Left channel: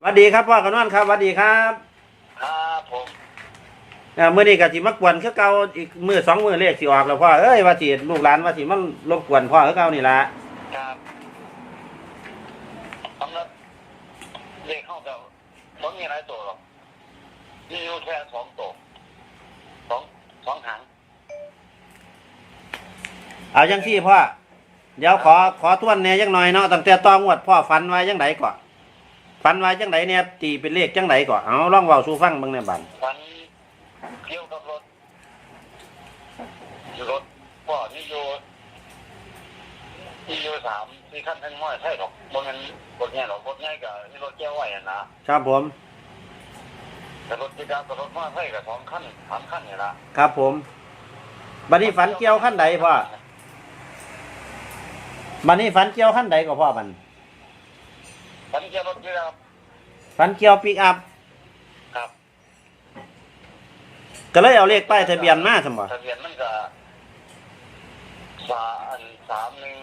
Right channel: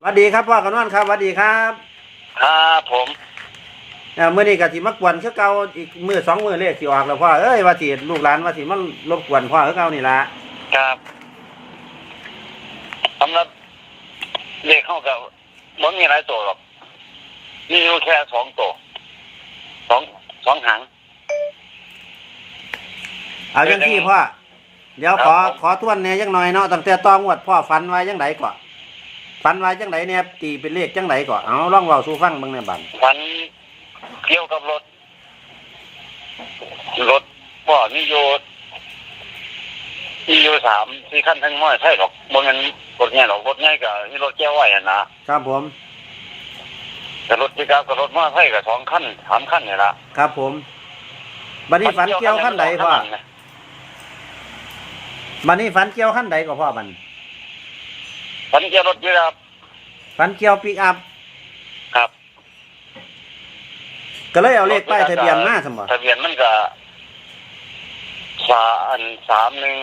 สวัสดีครับพ่อกำนันครับสวัสดีครับครับผมเอ่อมื่อนี้ก็สิมากวนคือเก่าอีกมือสองมือเลขสิออกแล้วพ่อเอ้ยว่าสิลูกหลานว่าสิมันรบกวนพ่อคือเก่านี่ละครับสำหรับเลขเข้ากับมันมีหลายตัวหรอกมีอยู่แค่สองตัวสองสองหาง เอาจังที่พ่อเดี๋ยวขอขอทวนแหน่จังหน่อยเนาะตั้งแต่ตองวดพ่อฝันไว้จังไดก่อน ฝันไว้จังไดเนี่ยตีเป็นเลขจังไดก่อนเอาลองเว้าสู่ฟังเบิ่งในอยบัดฝันเกี่ยวกับรถ รถพ่อมีโยมีโยสามสี่ขั้นทั้งน้อยใช่หรอกบนนั้นรถใหญ่หรอกรถใหญ่กับนี่รถแก้วไหวอะนะครับผมแต่รถที่กับรถมาใช่กับสองขั้นสามขั้นเนี่ยละครับผมบัดนี้ฝันเกี่ยวขั้นใดพ่อบัดนี้ฝันเกี่ยวขั้นใดก็พ่อบัดนี้ ฝันเกี่ยวรถที่ครับ ฝันเกี่ยวปิกอัพครับ ก็เลยเอาเลขป้ายทะเบียนมาซั่นบ่ทะเบียนมันก็สาอันสามหนึ่ง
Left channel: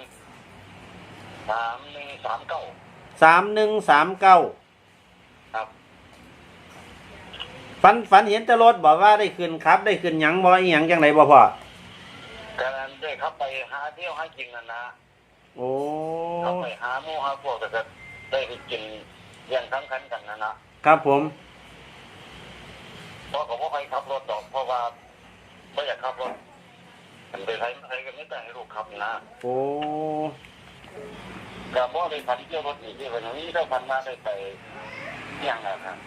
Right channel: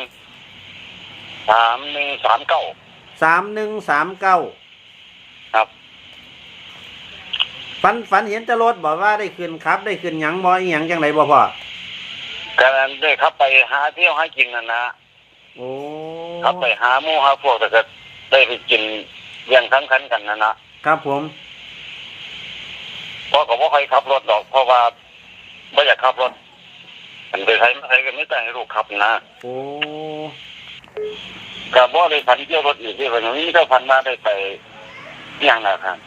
สามหนึ่งสามเก้า3139ครับฝันฝันเห็นแต่รถบอกว่าได้ขึ้นครับ ได้ขึ้นหยังบ่อีหยังจังไดบ่พ่อการได้ครับไปหาเที่ยวหากินนะนะโอ้ครับไปหาหมู่หาพวกแต่ก็ ได้ไปกินเลี้ยงทั้งคันกันนะนะครับผมเพราะก็บ่ค่อยขับรถดอก เพราะว่าไม่อยากขับรถมันไปใช้ไม่ใช้กันไม่แต่ให้ลูกขับนะโอ้ก็บ่ได้พันเที่ยวรถอีกที่วันนี้ก็พันมาได้ไปเที่ยงนะครับ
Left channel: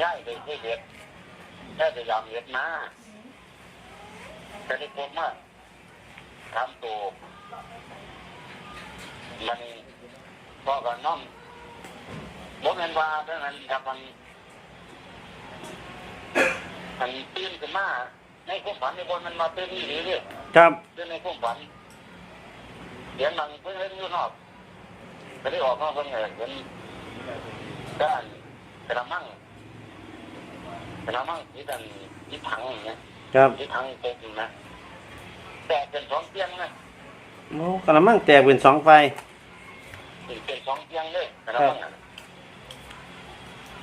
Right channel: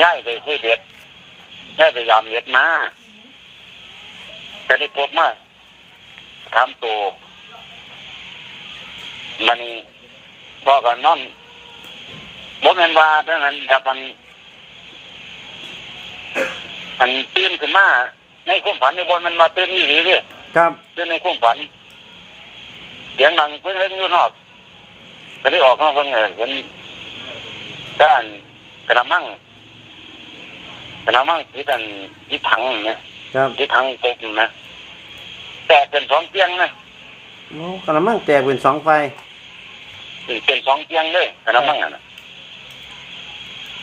ย้ายไปเที่ยวเด็ดย้ายไปยามเด็ดมาก็ได้พบมาทำตัวมัน พอกันนอนบ่แม่นว่าเท่านั้นครับมันมันตื่นขึ้นมาในความฝันในบนมันมาตื่นนี่หรือเรื่อยครับตื่นในความฝันเสียงดังเพิ่งเล่นอยู่นอกก็ได้ออกนอกเพิ่งเห็นเห็นด้านกระมังกระมังที่ดันที่ถังเนี่ยครับที่ถังตกนะแต่เป็นสองเตียงนะโอ้กระมังแตกเป็นสองไฟ เป็นสองเตียงเลยกระมังอะนะ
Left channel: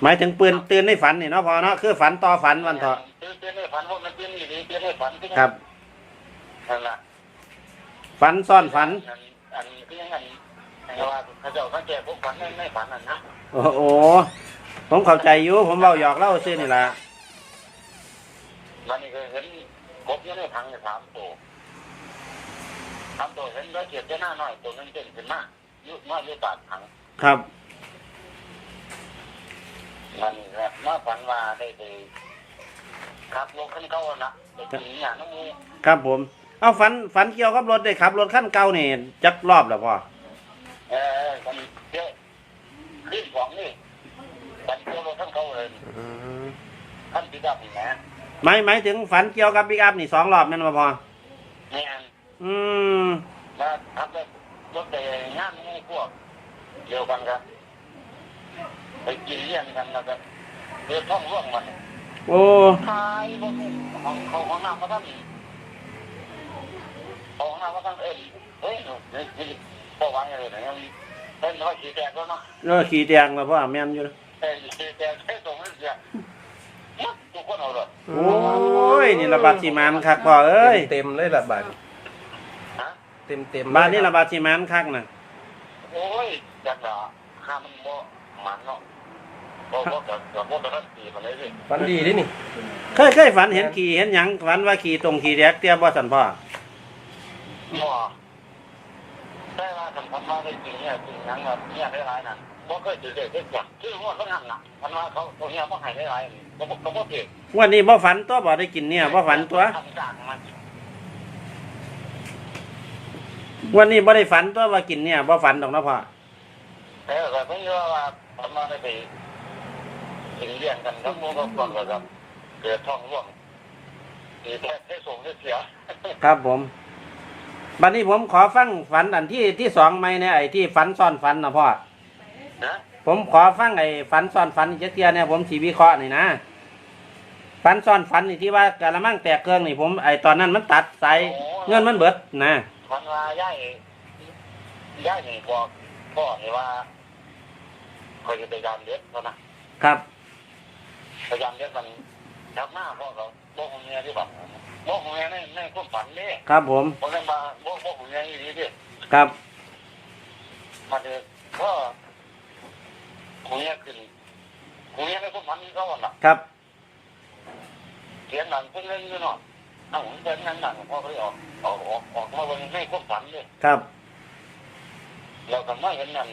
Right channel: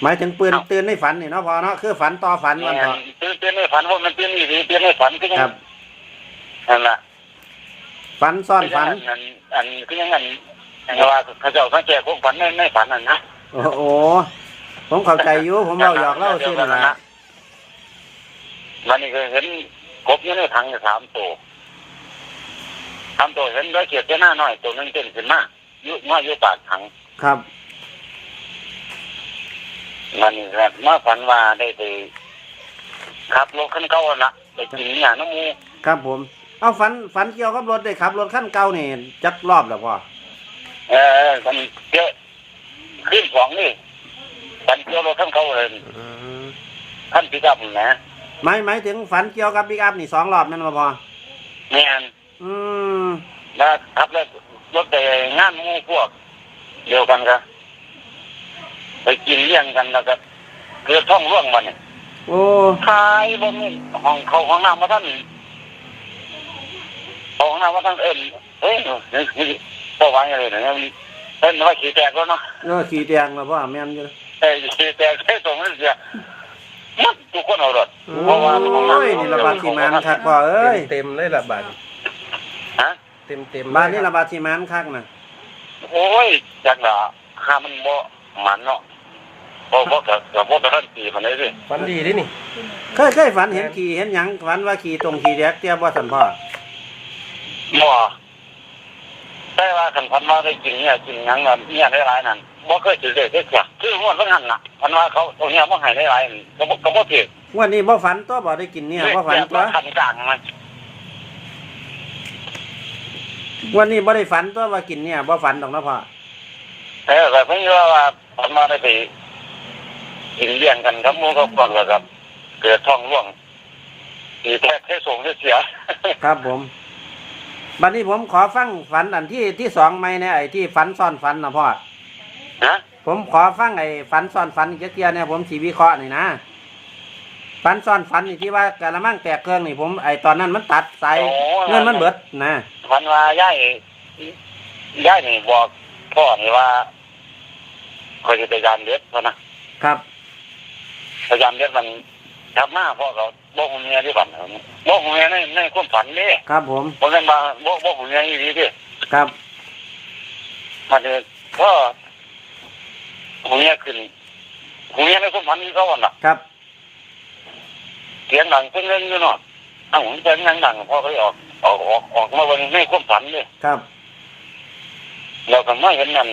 หมายถึงปืนตื่นในฝันนี่เนาะพ่อเนาะคือฝันต่อฝันวันเถอะตื่นเต้นในฝันว่ามันเต้นนี่ดีเต้นในฝันก็ยังครับ นั่นแหละฝันซ่อนฝัน อันอันก็ยังอันอันว่าเขาเจ้าเขาแจกพวกฝันในในฝันนั่นนะโอ้โหผมเข้าใจอยู่ผมเล่าหยอกเล่าซื่อนี่ล่ะมันนี่ก็เห็นกบอยู่ในถังอยู่สามตัวสามตัวเห็นร้อยเกียรติหน้าน้อยตัวหนึงเต้นขึ้นมาอ ยู่มาอยู่ปากถังครับ มันนี่แหละมาฝันว่าได้ไปขับรถขั้นเก่าละไปกินเนี่ยน้ำมูครับผม เอาฝันฝันเกี่ยวกับรถได้ขับรถขั้นเก่านี่จักรอบแล้วพ่อเออมันเยอะขึ้นสองนี่ฝันเกี่ยวรถขั้นเก่าเลยอืมขั้นพิกับนะหมายหมายถึงฝันเกี่ยวกับปิกอัพนี่สองรอบแม่นบ่พ่อแม่นอืมแล้วขับแล้ วรถไปงานหมูพวก เดียวกันครับไปกินเลี้ยงกันแล้วก็เกือท่องร่วงมาเนี่ยโอ้ขายบนนี่ห้องเขาห้องน้ำมาท่านเขาห้องน้ำมาท่านเอ็นเฮ้ยนี่นี่พ่อวางอะไรเนี่ยเอ็นว่าขี่แตกแล้วเนาะเออขี่แตงแล้วพ่อแม่นอยู่เอ้ยขี่แตกแค่ส่งนั่นเสียมัดทุกคนเอารถโอ้ยนี่ระบาดที่มันคักพ่อเอ้ยเต็มเลยละบาทฮะเต็มเต็มบ้านนี้ระบาดที่มันคักน่ะ โอ้ยจากหนาห้ามันบ่มันเนาะบ่บ่กับกับบ่กับท่านตีมันเลยสิฟันดีเลยนี่เคยเคยฝันเห็นขี่เห็นหยังฝันว่าขี่ตรงขี่แดกเตี้ยบ่สันพ่อบ่แต่ว่าคันพันว่าได้จริงเนี่ยจริงหยังแบบเนี่ยได้หลายนั่นบ่เคยถือเลยเด็กจ้ะคือม่วนว่างั้นน่ะพันว่าเขาตรงเนี้ยบ่ให้ได้หลายนี่ก็บ่ก็บ่ถือวันนี้บ่ฝันตัวบ่ได้กินเนี่ยบ่ฝันตัวคันกลางมัน วันนี้บ่ได้ฝันตัวว่ากินเนี่ยบ่ฝันดอกนะพ่อเออแต่เพิ่นว่าว่าพันว่าได้ไปกินเลี้ยงกันครับหมู่กับก่อนแล้วครับ เกิดท้องร่วงตีแท้แค่ส่งเสีย ครับผมบัดนี้ผมขอฟังฝันอันที่ที่สองไหมเนี่ยไอ้ที่ฝันซ้อนฝันนะพ่อนะผมขอฟังไอ้ฝันซ้อนฝันเจียๆเนี่ยผมสีวิเคราะห์นี่นะฝันซ้อนฝันนี่ที่ว่ากะละมังแตกเครื่องนี่ผมไอ้ตอนนั้นมันตัดสายเงินมันเบิดนะ พันว่าย่ายย่ายนี่บอกพ่อนี่ว่าคอยจะพยายามเด็ดเพราะนะครับพยายามเด็ดมันทับหน้าพ่อเขาบอกของเมียที่ฝันบอกของเมียในในความฝันนี่ครับผมผมเป็นมาบอกบอกของเมียอีดีดิครับมันเลยก็ของเมียขึ้นของเมียในความฝันนี่เขาอะครับเสียงดังเพิ่งเล่นอยู่เนาะอ้าวผมเป็นยังดังพ่อเขาออก ออกออกออกมาวันในความฝันนี่ครับ เราก็ไม่เห็นนั่น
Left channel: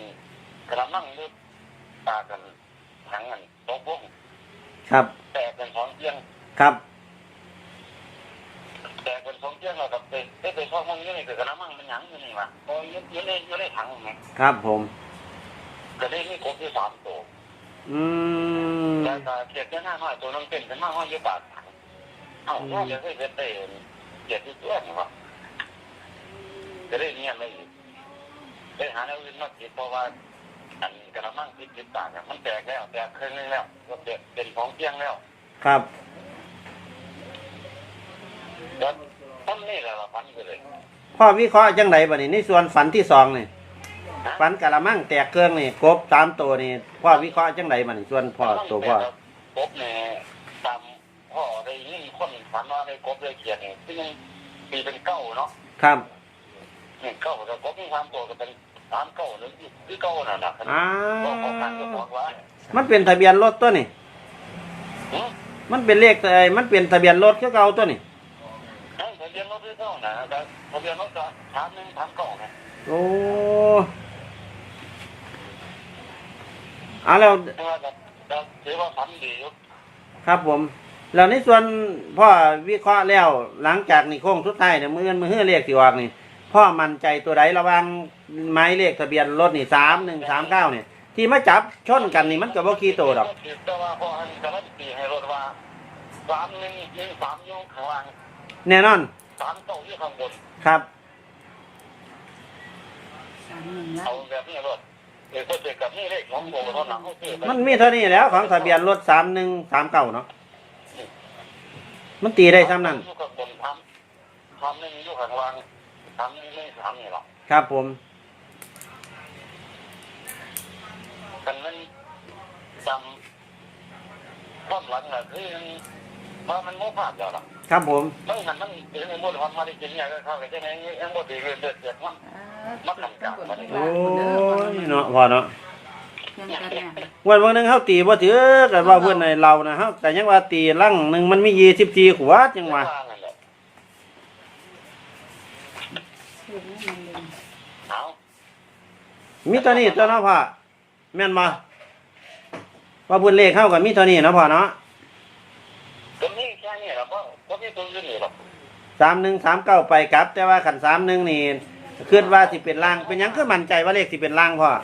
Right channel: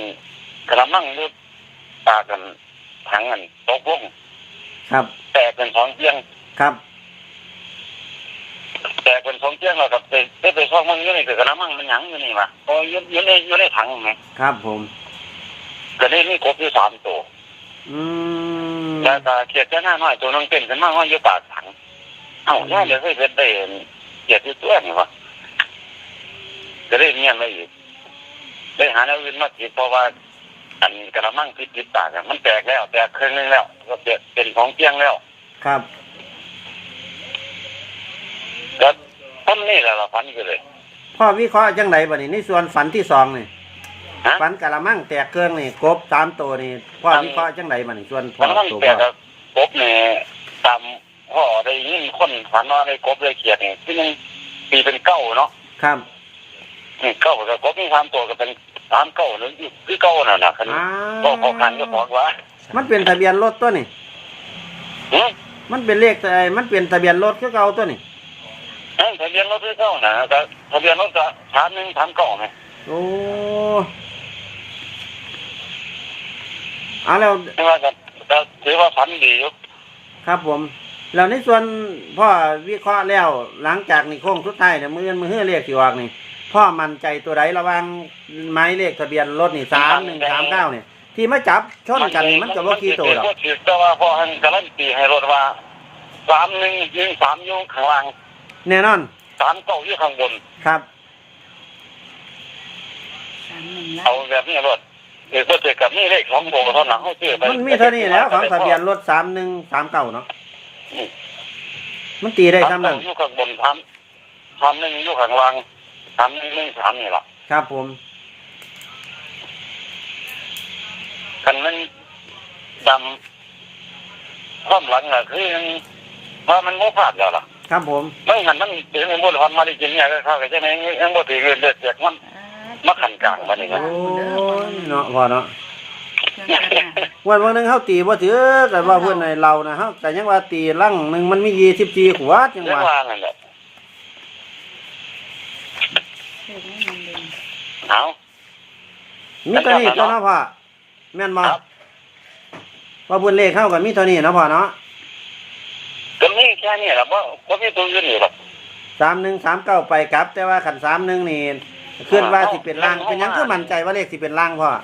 กระมังหรือปากกันถังกันตกลงครับ แตกเป็นสองเตียงครับ แตกเป็นสองเตียงแล้วกับไปไปไปซ่องมันอยู่ในกระมังมันหยังอยู่นี่มาโอ้ยอยู่อยู่ในอยู่ในถังไหมครับผมก็ได้นี่ครบที่สามตัวอืมแต่ก็เขียดจะหน้าน้อยตัวนึงเป็นขึ้นมาว่าอยู่ปากถังเอ้าแค่เดี๋ยวเคยเป็นได้ เขียดที่ตัวนี่วะก็ได้เงียบไปอีกได้หาแนวอื่นมาติดเพราะว่า อันกระมังติดติดปากอะมันแตกแล้ว แตกครึ่งนึงแล้ว ก็เปลี่ยนเป็นของเตียงแล้ว ครับก็ต้นนี่แหละเราฝันอยู่เลยพ่อวิเคราะห์จังไดบัดนี้ในส่วนฝันที่สองนี่ฮะฝันกะละมังแตกเกลืองนี่กบสามตัวนี่พ่อวิเคราะห์จังไดบัดนี้ส่วนพ่อตั้งตัวแต่พ่อกบเนี่ยตาม พ่อได้ยินคนฝันว่าได้กบได้เขียดเนี่ยที่นึงปีเป็นเก้าเนาะครับนี่เก้าแต่กบมีความตัวก็เป็นสามเก้าหรือคือเก้าน่ะนะคันอ้าก็พอกันก็พอว่ามันเป็นทะเบียนรถตัวนี่หืมมันเป็นเลขแต่มันเป็นทะเบียนรถคือเก่าตัวนี่ เอ้ยทะเบียนรถคือเก้านะแต่ทะเบียนรถก็สามหนึ่งสามเก้าไหมโอ้เอาแล้ว ไม่ว่าก็ก็ถือว่าฝันดีอยู่ครับผม แล้วในส่วนพ่อวิเคราะห์แล้วหลังจากนี่โค้งสุดท้ายเนี่ยมือเงินมือเฮือเลขที่ออกนี่พ่อมั่นใจตัวใดระหว่างไม้เลขทะเบียนรถนี่สามหนึ่งสามเก้าเนี่ยที่มาจับชนกันนี่มันก็บ่กี่ตัวดอกถือแต่ว่าพอหันการันตีให้รถว่าสามหนึ่งยิงสามอยุ่ข้างล่างแน่นอนสามเก้าอยู่ข้างบนครับสามหนึ่งแล้เอาวแบบนี้รถเดี๋ยวก็เจอกับนี่เลขของโบเท่านั้นเขาซื้อไปมันมีเท่านี้แล้วของทะเบียนรถสามหนึ่งสามเก้าเนาะ มันตีได้ซ้ำนั่นอยู่ข้างบนทำทำหนึ่งอยู่ข้างล่างทำหนึ่งหนึ่งสามนี่แหละครับผมคันนั้นจำความหลังอะคือยังว่ามันโมพลาดแล้วล่ะครับผมไม่งั้นมันถึงในบุญความมาได้กินเนี่ยก็เข้าไปใช่ไหมยังบ่ถือเงินเดือดเจ็ดมันมาขันกลางมานี่ครับโอ้ยเนาะพอเนาะ วันวันหนึงเฮาตีบ่ถือกันว่าเพื่อนในเรานะเฮาแต่ยังว่าตีลังหนึ่งมันมียี่สิบสี่ขวดยังเรื่องว่า ว่านั่นแหละเครื่องนี้มันเดินเอามีตัวนี้ตัวเนาะพ่อแม่นบ่ครับว่าเพื่อนเลขเข้ากันมีตัวนี้เนาะพ่อเนาะก็มีแค่นี้แหละเพราะเพราะมีตัวอื่นอยู่หรอกสามหนึ่งสามเก้าไปกลับ แต่ว่าขันสามหนึ่งนี่ขึ้นว่าสิเป็นล่างเป็นหยังคือมั่นใจว่าเลขสิเป็นล่างพ่อฮะ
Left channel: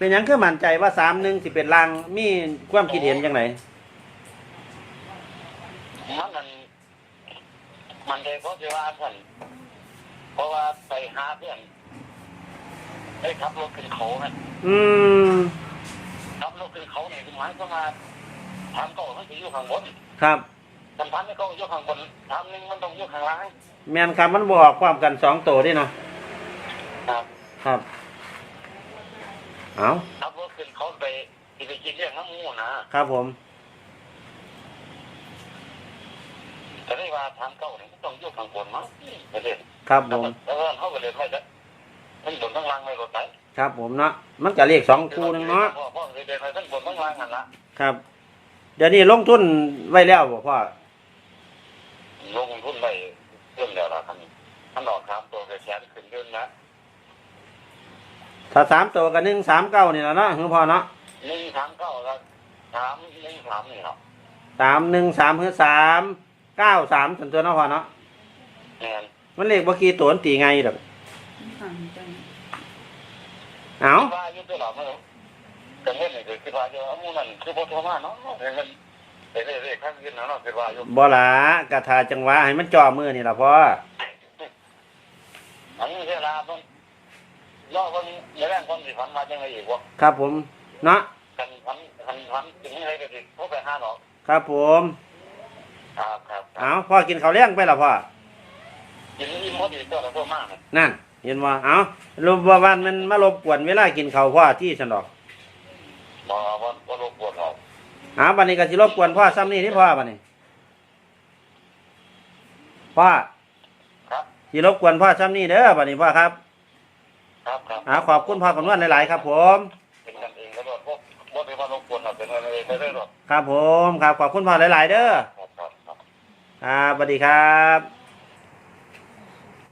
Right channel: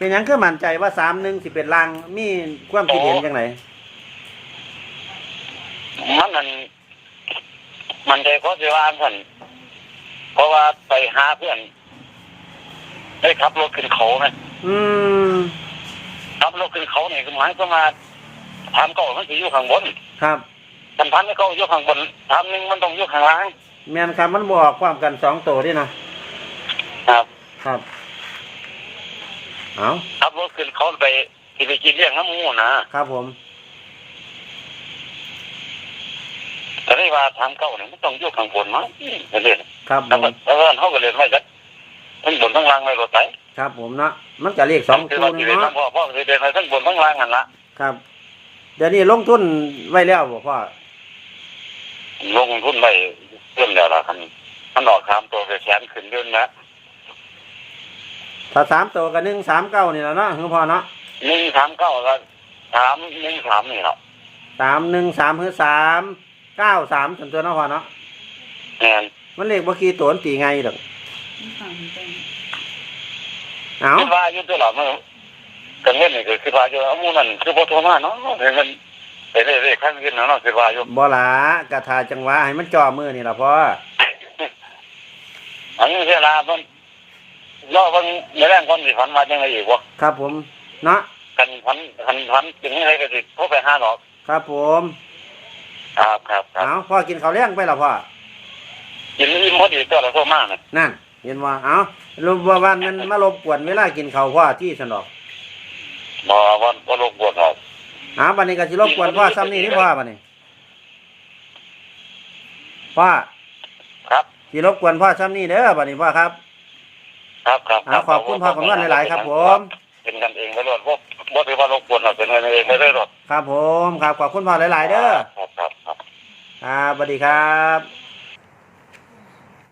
เป็นหยังคือมั่นใจว่าสามหนึ่งสิเป็นล่างมีความคิดเห็นจังไงมันนั่นมันใจเพราะสิว่าท่านเพราะว่าไปหาเพื่อน ได้ขับรถขึ้นเขาไหมอืมขับรถขึ้นเขาเนี่ยคือหมายความว่าทางเก่ามันจะอยู่ข้างบนครับทันพันไม่เก่าอยู่ข้างบนทางหนึงมันต้องอยู่ข้างล่างแม่นครับมันบอกความกันสองตัวด้วยเนาะครับ ครับ เอาขับรถขึ้นเขาไปที่ไปกินเลี้ยงน้ำมูนะครับผมแต่ได้ว่าทางเก่าเนี่ยมันต้องยู่ข้างบนมั้งเรียนครับผมแล้วเขาก็เรียนไว้จักทั้งบนทั้งล่างไม่รถไปครับผมเนาะมันจะเลขสองคือตัวว่านึที่งเรียนาะพ่อพ่อคือเรียนไว้ทั้งบนทั้งล่างนั่นละครับ เดี๋ยวนี้ลงทุนไว้แล้วบ่พ่อลงทุนไปเรื่องเดียวละคันมันออกสามตัวไปแขนขึ้นเดือนนะ ถ้าสามตัวกับหนึ่งสามเก้านี่แหละเนาะคือพ่อเนาะหนึ่งสามเก้าก็สามหนึ่งสามนี่ครับสามหนึ่งสามคือสามเก้าสามส่วนตัวเนาะพ่อเนาะแม่นมันเลขบ่กี่ตัวมันตีไงดอกเอาคิดว่าอยู่ตัวหลังมันกันเงินนี่คือคิดว่าอยู่เอาหมูนั่นคือพอโทรมาเนาะเห็นมันไปเรื่อยๆขั้นขึ้นเนาะคิดว่าอยู่บ่หลากระทาจังหวะให้มันจ่อมือนี่ล่ะพ่ออันนี้เวลามัน รอมันในแรงคนสิฝันมาจังไงอีกวะครับผมเนาะกันฝันฝันฝันจึงให้ก็สิโทรไปหาดอกครับผมครับครับครับเอาพ่อกินข้าวเลี้ยงไปล่ะพ่อกินอิ่มพอดีตัวละโทรมาน่ะนั่นเห็นว่าเอารบว่าวันมันมารบกวนเวลากินข้าวพ่อที่สนอกบ่ว่าบ่รบกวนหรอกหาบันนี้ก็สิรบกวนพ่อซ้ำนี่ที่พ่อบันนี้พ่อครับสิรบกวนพ่อซ้ำนี่เด้อบันนี้พ่อครับ ครับครับหาขอบคุณพ่อคำนวณหลาย ๆ ครับ ผม เป็นกันเองไปรถบ่บ่ถือว่ารบกวนหรอกเป็นกันเองไปเลยหรอกครับผมครับขอบคุณพ่อหลาย ๆ เด้อครับครับครับครับสวัสดีครับ